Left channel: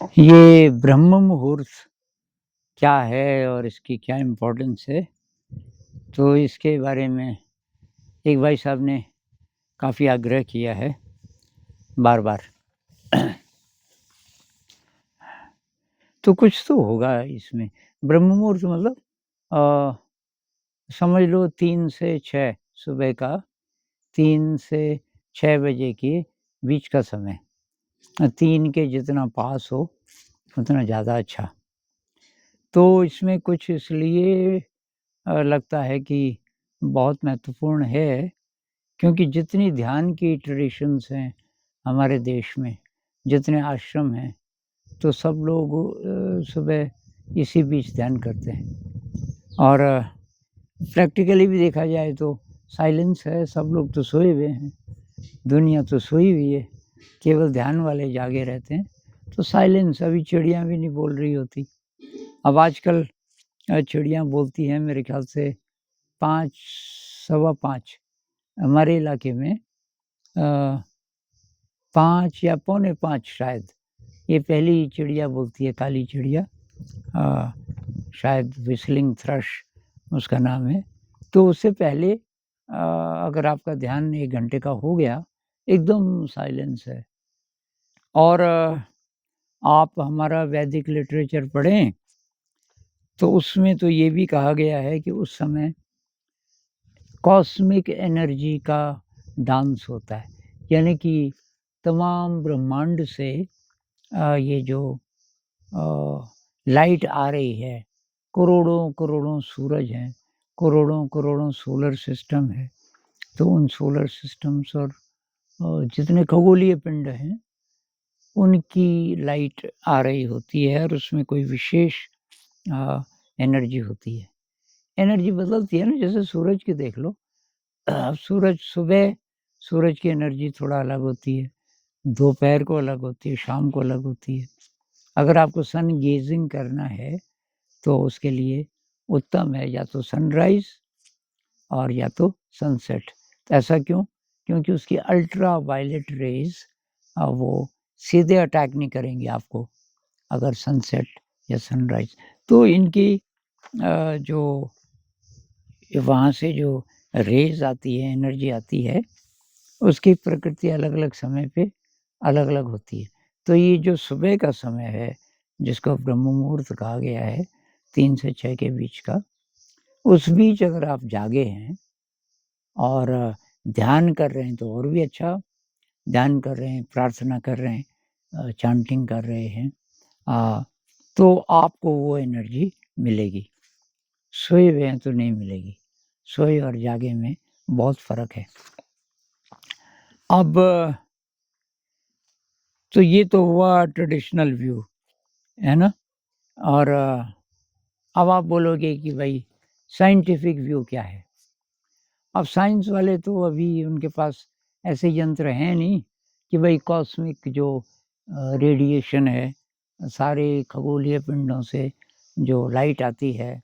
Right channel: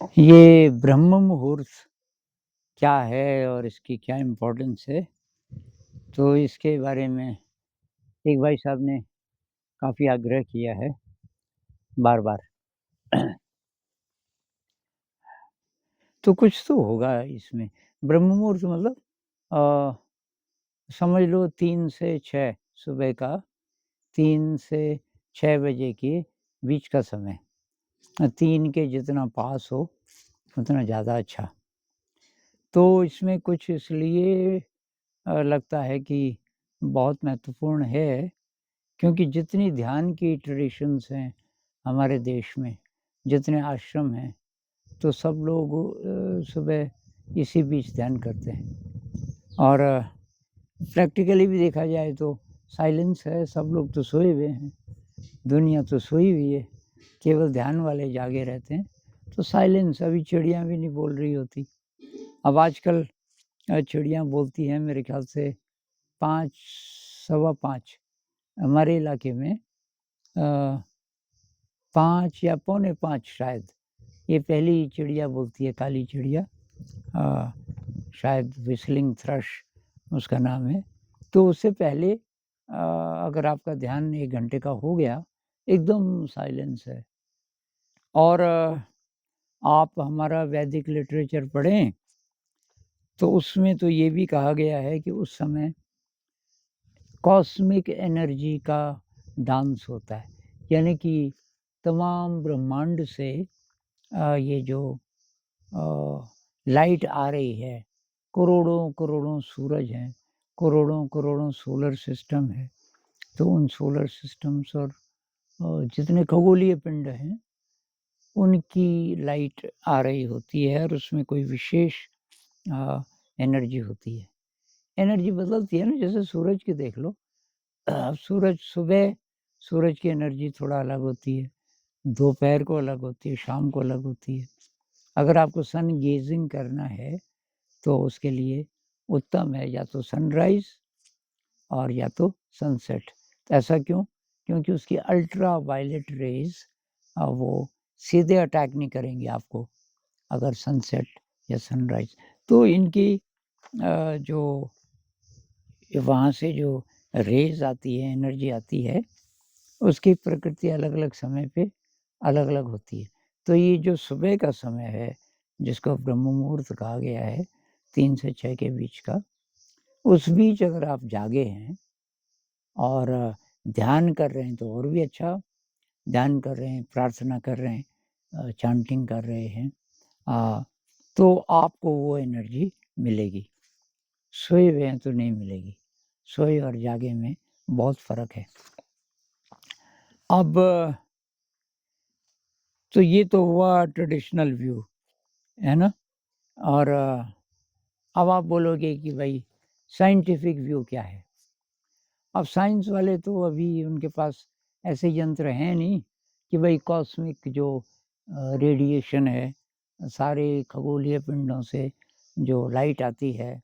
ये ब्रह्म मुहूर्त क्या है और इसकी क्या इम्पोर्टेंस है, तो इसके बारे में एक भाई साहब ने काफ़ी आग्रह किया है बार-बार। तो कुछ तो होगा इसमें। ब्रह्म मुहूर्त मतलब अ, समझ लो 3 से 6 सुबह का 3 से 6 बजे के बीच का समय। 3 के जितना पास हो, उतना ज़्यादा अच्छा। तो इसमें कुछ इसलिए लगता है कि बहुत महत्वपूर्ण है, क्योंकि जितनी ध्यान की ट्रेडिशंस हैं हमारे देश में, जितने आश्रम हैं, तो सब लोग सुबह इसी बीच ध्यान करते हैं। और प्रैक्टिकली भी देखा जाए तो साइलेंस है, सब लोग तो सोए हुए हैं, दुनिया तो सोई हुई है, केवल ध्यान वाले जागे रहते हैं। तो साइलेंस, अभी चिड़िया भी नहीं बोल रही होती। अब आजकल चिड़िया बोलती हैं मेरे ख़्याल से 5 सवा 5 हमारे इलाके में, अ, 5 या पौने 5 शायद, ये पहली चिड़िया बोलती है, काली चिड़िया। अ, शायद व्हिस्लिंग थ्रश उसका नाम है। तो उससे पहले अगर आपका ध्यान 1 घंटे का हो गया, एकदम साइलेंस है। और आप हमारा वैदिक लिटरेचर पढ़ें, तो उसमें तो ये भी कहा गया है कि उस समय कॉस्मिक एनर्जी का डांस होता है। यानी कि तमाम ब्रह्मांड से ये जो अ, लाइट आ रही है, करोड़ों-करोड़ों सूरज हैं, करोड़ों-करोड़ों सोलर सिस्टम है, तो उन सोलर सिस्टम्स और जितने खगोलीय पिंड हैं, उनकी लाइट आ रही होती है और उसमें कोई विशेष अ, एनर्जी होती है। एनर्जी बदलती है ना, जैसे सूरज की देख लो। सूरज सुबह, सूरज की एनर्जी थोड़ा अलग होती है, दोपहर को अलग होती है, शाम को अलग होती है। अगर आपको सन गेज़िंग करना है, तो उसके लिए उत्तम है या तो सनराइज़ और या तो सनसेट। तो ऐसा क्यों? क्योंकि उसकी अल्ट्रा वायलेट रेज़ वो सीधे अटैक नहीं करेंगी आपको, अगर सनसेट या सनराइज़। तो इनकी जो वहाँ से जो रेज़ आती है, एनर्जी आती है, उसकी प्रकृति अलग-अलग समय पे अलग-अलग होती है। तो ये जो सुबह का समय है, जिसको ब्रह्म मुहूर्त कहा गया है, 3 से 6 के बीच का, उस बीच अगर आप जागे हैं और ध्यान कर रहे हैं तो और भी अच्छा, ध्यान कर रहे हैं, प्रार्थना कर रहे हैं, चैंटिंग कर रहे हैं, अ, तो आपको वो एनर्जी मिलेगी। सोए हुए हैं तो नहीं मिलेगी। सोए और जागे में बहुत फ़र्क है। अब तो ये तो हुआ ट्रेडिशनल व्यू, है ना? और अब आप बोलोगे कि भई साइंटिफिक व्यू क्या है? अब साइंस वाले तो अभी उनके पास ऐसे यंत्र हैं नहीं कि भई कॉस्मिक जो रेडिएशन है, सारे खगोलीय पिंडों से जो लाइट आती है,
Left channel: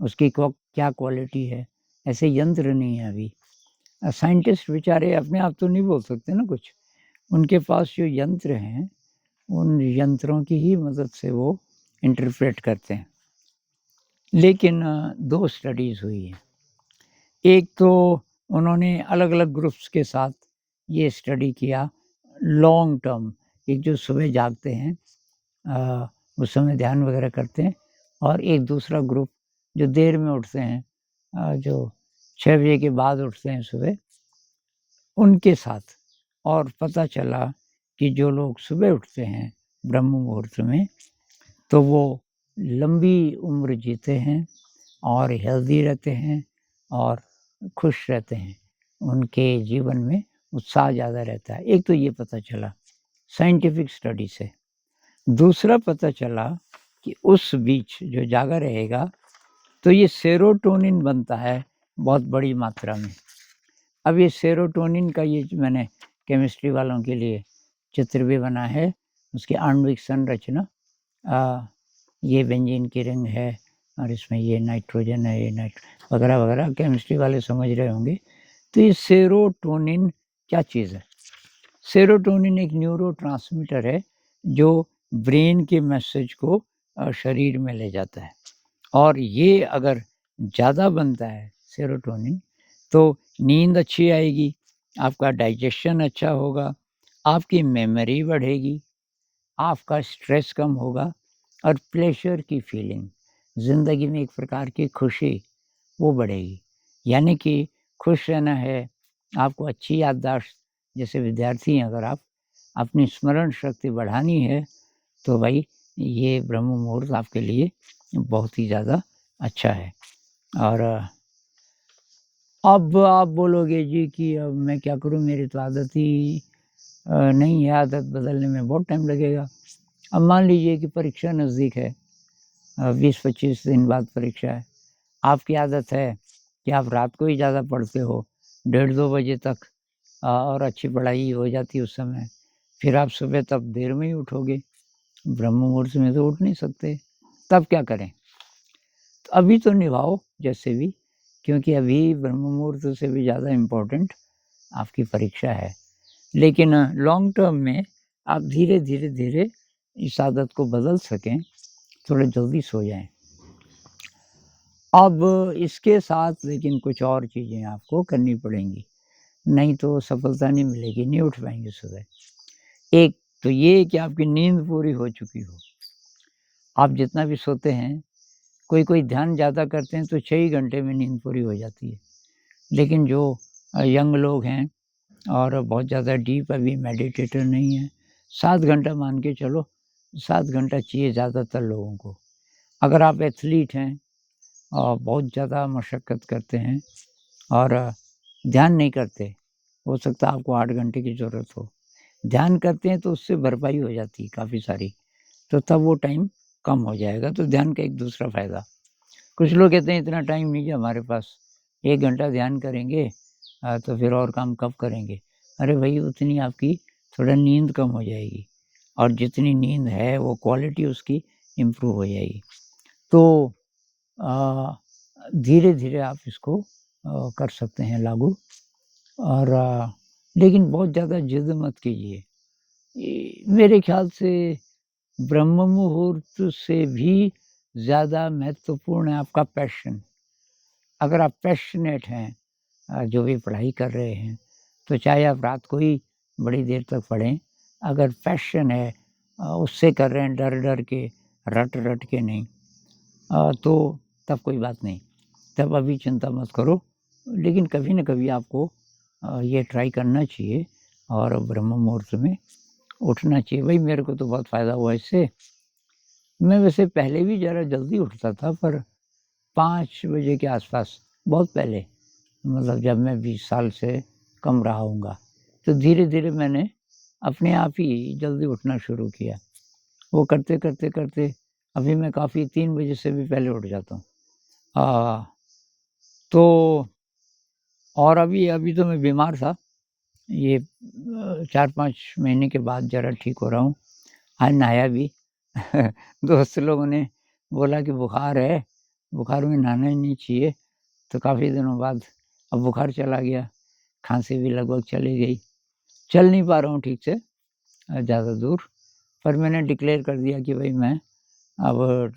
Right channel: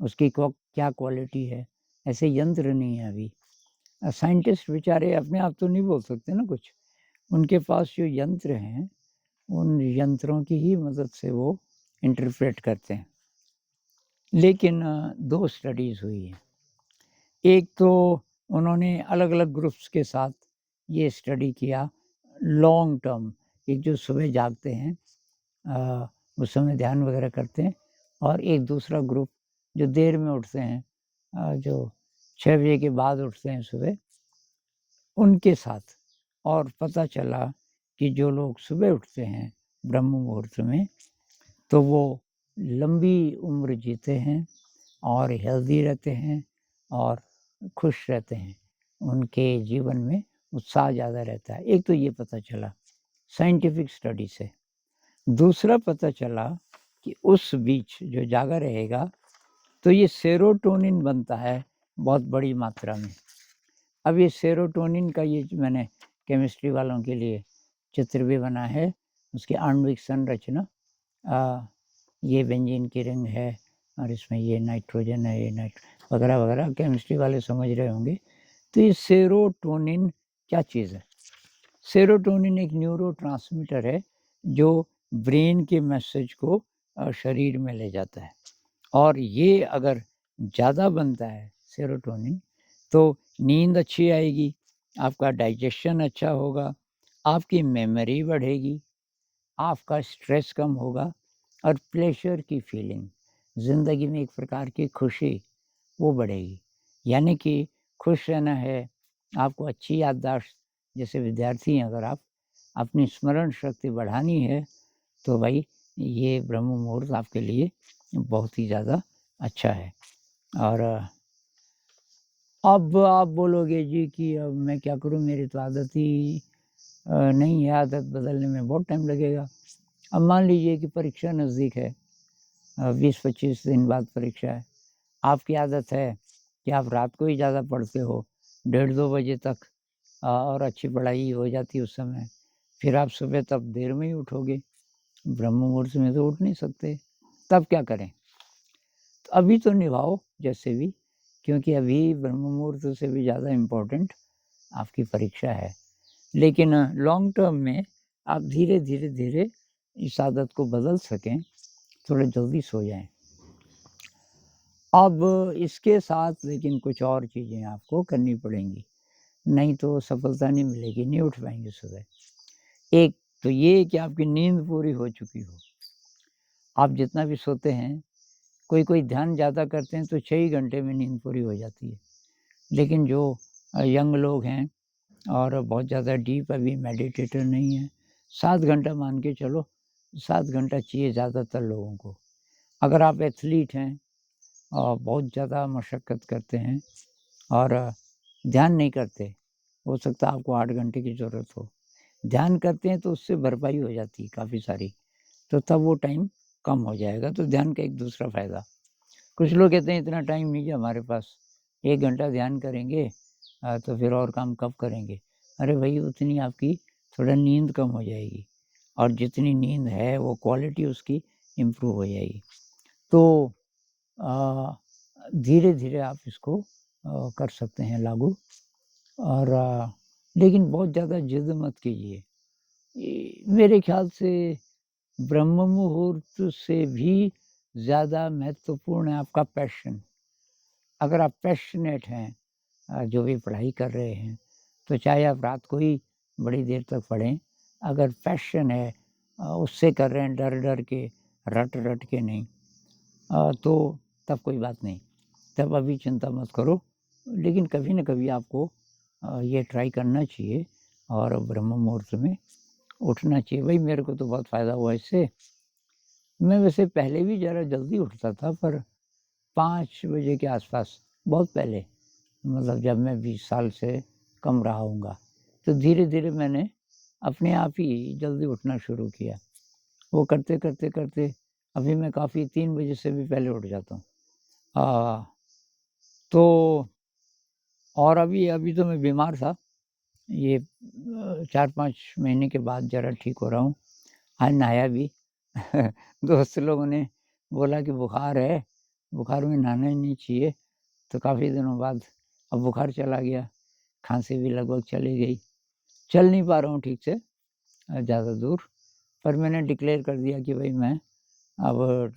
उसकी क्या क्वालिटी है, ऐसे यंत्र नहीं है अभी। साइंटिस्ट बेचारे अपने आप तो नहीं बोल सकते ना कुछ। उनके पास जो यंत्र हैं, उन यंत्रों की ही मदद से वो इंटरप्रेट करते हैं। लेकिन 2 स्टडीज़ हुई हैं। एक तो उन्होंने अलग-अलग ग्रुप्स के साथ ये स्टडी किया लॉन्ग टर्म, एक जो सुबह जागते हैं, उस समय ध्यान वगैरह करते हैं, और एक दूसरा ग्रुप जो देर में उठते हैं, जो 6 बजे के बाद उठते हैं सुबह, उनके साथ। और पता चला कि जो लोग सुबह उठते हैं ब्रह्म मुहूर्त में, तो वो लंबी उम्र जीते हैं और हेल्दी रहते हैं और खुश रहते हैं। उनके जीवन में उत्साह ज़्यादा रहता है। एक तो ये पता चला साइंटिफिक स्टडी से। दूसरा पता चला कि उस बीच जो जागा रहेगा, तो ये सेरोटोनिन बनता है बहुत बड़ी मात्रा में। अब ये सेरोटोनिन का ये जो मैंने केमिस्ट्री वालों के लिए चित्र भी बना है, उसकी आणविक संरचना। अ, ये बेंजीन की रिंग है और इसमें ये नाइट्रोजन है, ये वगैरह-वगैरह केमिस्ट्री वाले समझ रहे होंगे। तो ये सेरोटोनिन क्या चीज़ है? सेरोटोनिन एक न्यूरोट्रांसमीटर है जो ब्रेन के मैसेज को शरीर में ले जाता है। और ये अगर ज़्यादा बनता है सेरोटोनिन, तो नींद अच्छी आएगी, आपका डाइजेशन अच्छा होगा, आपकी मेमोरी बढ़ेगी, आपका स्ट्रेस कम होगा और प्लेज़र की फीलिंग, ज़िंदगी में एक प्रकार की खुशी, वो बढ़ेगी। यानी कि खुश रहना है, आपको अच्छी याददाश्त, जैसे विद्यार्थी हैं अगर आप, अपनी स्मरण शक्ति बढ़ानी है, तो भाई ये ब्रह्म मुहूर्त आपके लिए बहुत ही ज़्यादा अच्छा है। और अब आप बोलोगे जी कि अब मैं क्या करूँ, मेरी तो आदत ही नहीं है, आदत बदलने में बहुत टाइम लगेगा। अब मान लीजिए कि परीक्षा नज़दीक है, 20-25 दिन बाद परीक्षा है। आपकी आदत है कि आप रात को ही ज़्यादा पढ़ते हो, डेढ़ 2 बजे तक, और अच्छी पढ़ाई हो जाती है उस समय। फिर आप सुबह तब देर में ही उठोगे, ब्रह्म मुहूर्त में तो उठ नहीं सकते, तब क्या करें? तो अभी तो निभाओ जैसे भी, क्योंकि अभी ब्रह्म मुहूर्त से भी ज़्यादा इम्पोर्टेंट आपकी परीक्षा है। लेकिन लॉन्ग टर्म में आप धीरे-धीरे इस आदत को बदल सकें, थोड़ा जल्दी सो जाएँ। अब इसके साथ लेकिन कुछ और चीज़ें आपको करनी पड़ेंगी, नहीं तो सफलता नहीं मिलेगी, नहीं उठ पाएँगे सुबह। एक तो ये कि आपकी नींद पूरी हो चुकी हो। आप जितना भी सोते हैं, कोई-कोई ध्यान ज़्यादा करते हैं तो 6 ही घंटे में नींद पूरी हो जाती है। लेकिन जो यंग लोग हैं और बहुत ज़्यादा डीप अभी मेडिटेटर नहीं हैं, 7 घंटा मान के चलो, 7 घंटा चाहिए ज़्यादातर लोगों को। अगर आप एथलीट हैं और बहुत ज़्यादा मशक्कत करते हैं और ध्यान नहीं करते, हो सकता है आपको 8 घंटे की ज़रूरत हो। ध्यान करते हैं तो उससे भरपाई हो जाती है काफ़ी सारी, तो तब वो टाइम कम हो जाएगा, तो ध्यान का एक दूसरा फ़ायदा। कुछ लोग कहते हैं इतना टाइम नहीं है हमारे पास, 1 घंटा ध्यान करेंगे तो फिर और काम कब करेंगे? अरे भई उतनी आपकी थोड़ा नींद कम हो जाएगी और जितनी नींद है वो क्वालिटी उसकी इम्प्रूव हो जाएगी। तो अ, धीरे-धीरे आप इसको कर सकते हैं लागू, और लेकिन बहुत ज़्यादा जिद मत कीजिए। मेरे ख़्याल से ब्रह्म मुहूर्त से भी ज़्यादा महत्वपूर्ण है आपका पैशन। अगर आप पैशनेट हैं जो भी पढ़ाई कर रहे हैं, तो चाहे आप रात को ही बड़ी देर तक पढ़ें, अगर पैशन है उससे कर रहे हैं डर-डर के, रट-रट के नहीं, तो तब कोई बात नहीं, तब अभी चिंता मत करो। लेकिन कभी न कभी आपको ये ट्राई करना चाहिए और ब्रह्म मुहूर्त में उठना चाहिए। भई मेरे को तो बहुत फ़ायदा हुआ इससे। मैं वैसे पहले भी ज़रा जल्दी उठता था, पर 5 बजे के आस-पास, बहुत पहले, मतलब जब मैं 20 साल से कम रहा होऊँगा। तो धीरे-धीरे मैंने अपने आप ही जल्दी उठना शुरू किया। वो करते अभी मैं काफ़ी 3 बजे से भी पहले उठ जाता हूँ। तो और अभी अभी तो मैं बीमार था। ये 4-5 महीने के बाद ज़रा ठीक हो रहा हूँ। आज नहाया भी। दोस्त लोगों ने बोला कि बुखार है, बुखार में नहाना ही नहीं चाहिए, तो काफ़ी दिनों बाद अब बुखार चला गया, खाँसी भी लगभग चली गई। चल नहीं पा रहा हूँ ठीक से ज़्यादा दूर, पर मैंने डिक्लेयर कर दिया कि भई मैं अब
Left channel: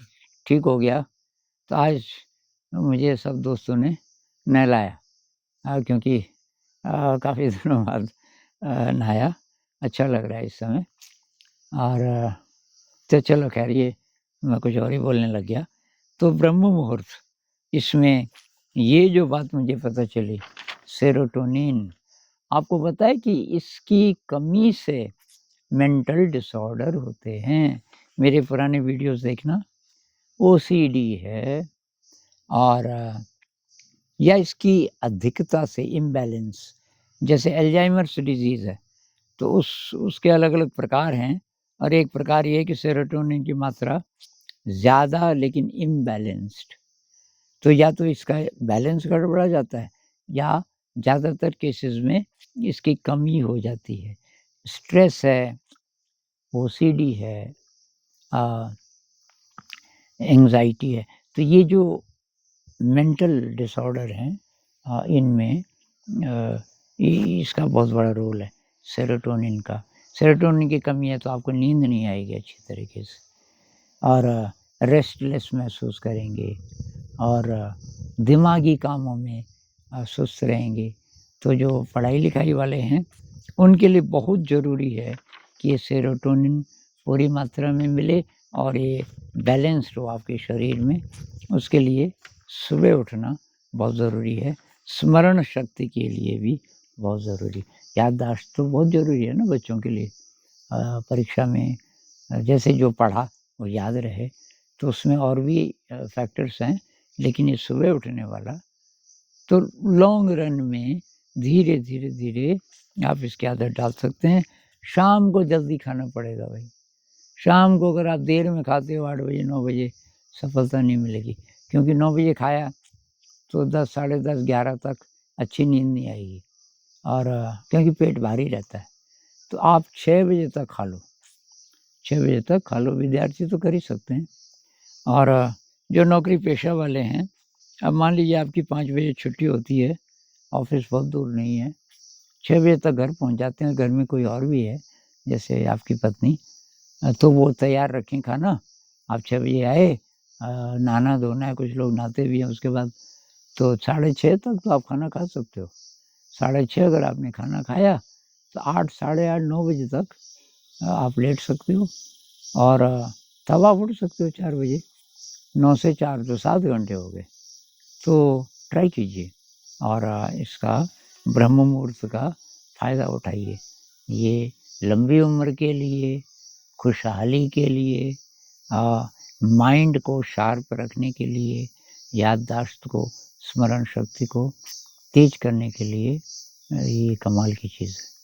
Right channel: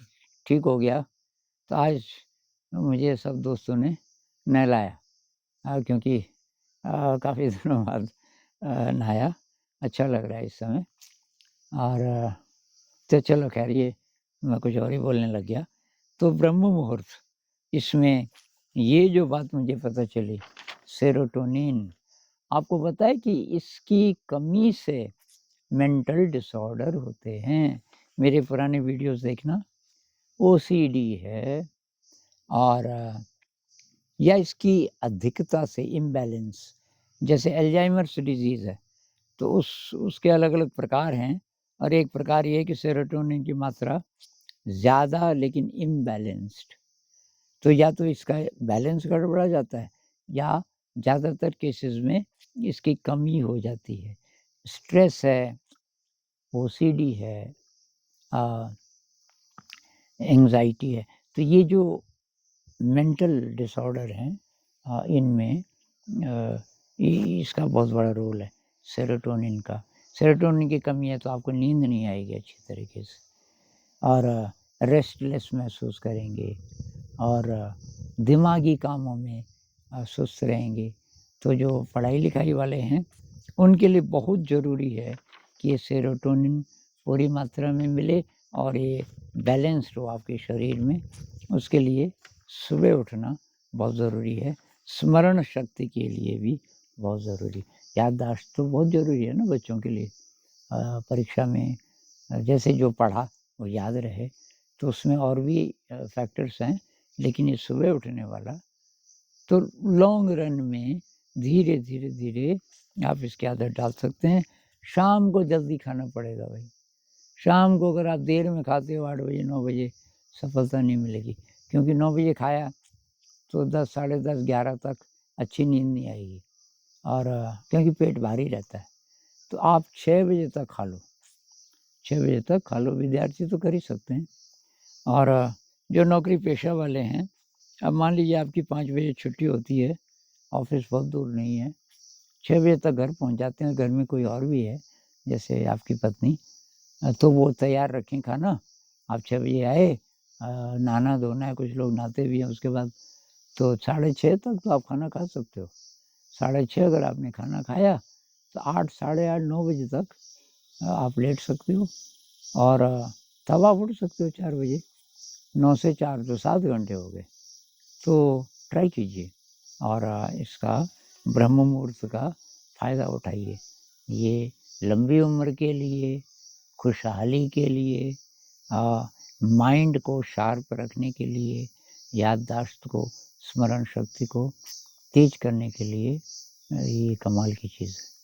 ठीक हो गया, तो आज मुझे सब दोस्तों ने नहलाया, क्योंकि काफ़ी दिनों बाद नहाया, अच्छा लग रहा है इस समय। और तो चलो ख़ैर ये मैं कुछ और ही बोलने लग गया। तो ब्रह्म मुहूर्त, इसमें ये जो बात मुझे पता चली, सेरोटोनिन, आपको पता है कि इसकी कमी से मेंटल डिसऑर्डर होते हैं। मेरे पुराने वीडियोज़ देखना, ओसीडी है, और या इसकी अधिकता से इम्बैलेंस, जैसे अल्ज़ाइमर्स डिज़ीज़ है, तो उसके अलग-अलग प्रकार हैं, और एक प्रकार ये है कि सेरोटोनिन की मात्रा ज़्यादा लेकिन इम्बैलेंस्ड। तो या तो इसका बैलेंस गड़बड़ा जाता है, या ज़्यादातर केसेज़ में इसकी कमी हो जाती है। स्ट्रेस है, ओसीडी है, अ, एंग्ज़ायटी है, तो ये जो मेंटल डिसऑर्डर हैं, इनमें इ इसका बहुत बड़ा रोल है सेरोटोनिन का। सेरोटोनिन की कमी है तो आपको नींद नहीं आएगी अच्छी तरीके से और रेस्टलेस महसूस करेंगे और दिमागी कामों में सुस्त रहेंगे। तो जो पढ़ाई-लिखाई वाले हैं, उनके लिए बहुत ज़रूरी है कि ये सेरोटोनिन पूरी मात्रा में मिले और ये बैलेंस्ड हो आपके शरीर में। उसके लिए सुबह उठना बहुत ज़रूरी है। स्मरण शक्ति के लिए भी बहुत ज़रूरी है। याददाश्त तो बहुत ज़रूरी है ना बच्चों के लिए। परीक्षा में जैसे जो पढ़ा वो याद रहे, तो उसमें और भी फैक्टर्स हैं, लेकिन ये सुबह उठने वाला तो लॉन्ग रन में धीरे, धीरे, धीरे आप इसकी आदत डाल सकते हैं। शाम को जल्दी खाना पड़ेगा भाई। शाम को अगर आप देर में खाते हो 8 बजे, 9 बजे सफलता नहीं मिलेगी, क्योंकि 9 बजे खाया तो 10, साढ़े 10, 11 तक अच्छी नींद नहीं आएगी और क्योंकि पेट भारी रहता है। तो आप 6 बजे तक खा लो, 6 बजे तक खा लो, विद्यार्थी तो कर ही सकते हैं। और जो नौकरी पेशा वाले हैं, अब मान लीजिए आपकी 5 बजे छुट्टी होती है, ऑफ़िस बहुत दूर नहीं है, 6 बजे तक घर पहुँच जाते हैं, घर में कोई और भी है, जैसे आपकी पत्नी तो वो तैयार रखें खाना। आप 6 बजे आए नहाना-धोना है, कुछ लोग नहाते भी हैं उसके बाद, तो साढ़े 6 तक तो आप खाना खा सकते हो। साढ़े 6 अगर आपने खाना खाया, तो 8, साढ़े 8, 9 बजे तक आप लेट सकते हो और तब आप उठ सकते हो 4 बजे। 9 से 4 तो 7 घंटे हो गए। तो ट्राई कीजिए और इसका ब्रह्म मुहूर्त का फ़ायदा उठाइए। ये लंबी उम्र के लिए, खुशहाली के लिए माइंड को शार्प रखने के लिए, याददाश्त को, स्मरण शक्ति को तेज़ करने के लिए ये कमाल की चीज़ है।